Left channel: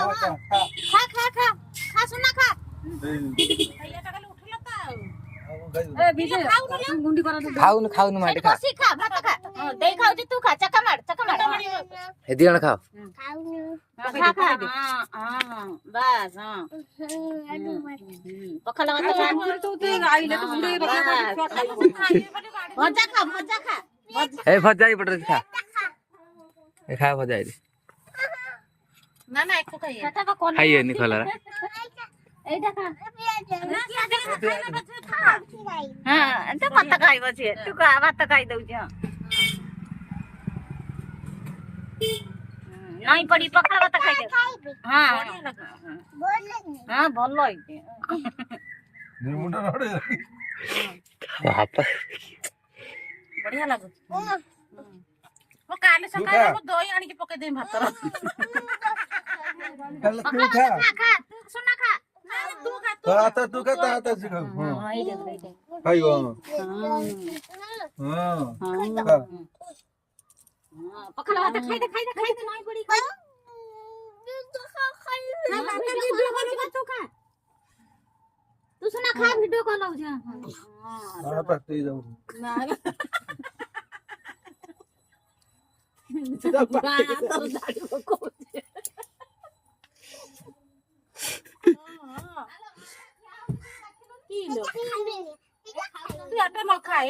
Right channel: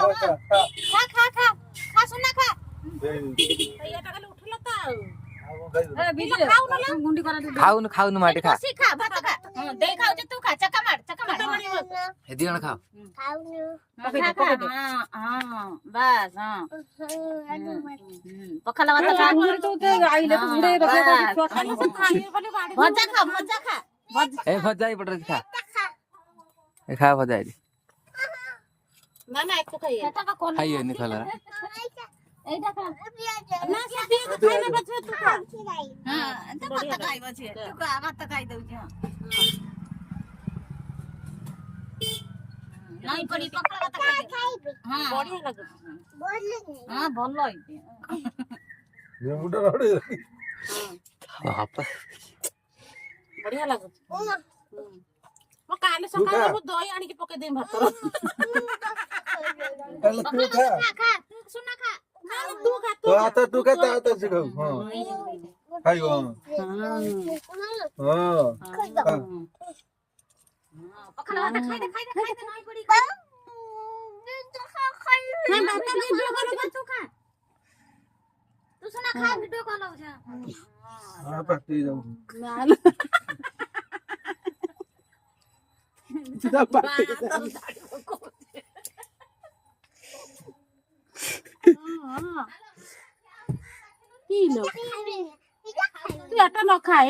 खा खा खा खा सुना खा खाऊन खाऊन माटी खा खा भात खा दे खाऊ तू खा चका मार हे दिण खाओ बस पखाला भात खा भजा खा ए भजा ही पड़ खा ए खा भजा ही ना ना एक खाइए खाइए नहीं खला एटा खा हां त भात खाइबो छे तू का भात खाइ दउ छ नहीं पड़ी पखाला भात खाइ दे हां हां भलो है मुंडा नडे बापा बढ़िया लागो ओ काले सकाळे को दही आनी के पके दे भात तू खा खा सुना खा तू खा तो आता तू काय आता शिकव हां खाई हां हां पखाला भात खाइ दे नहीं पड़ी खा वीडियो कॉल तू खा तू सुना खा वीडियो कॉल हो जा हां पाटी जाऊ ना सीधा पाटी কি লো তুই এটা না খাই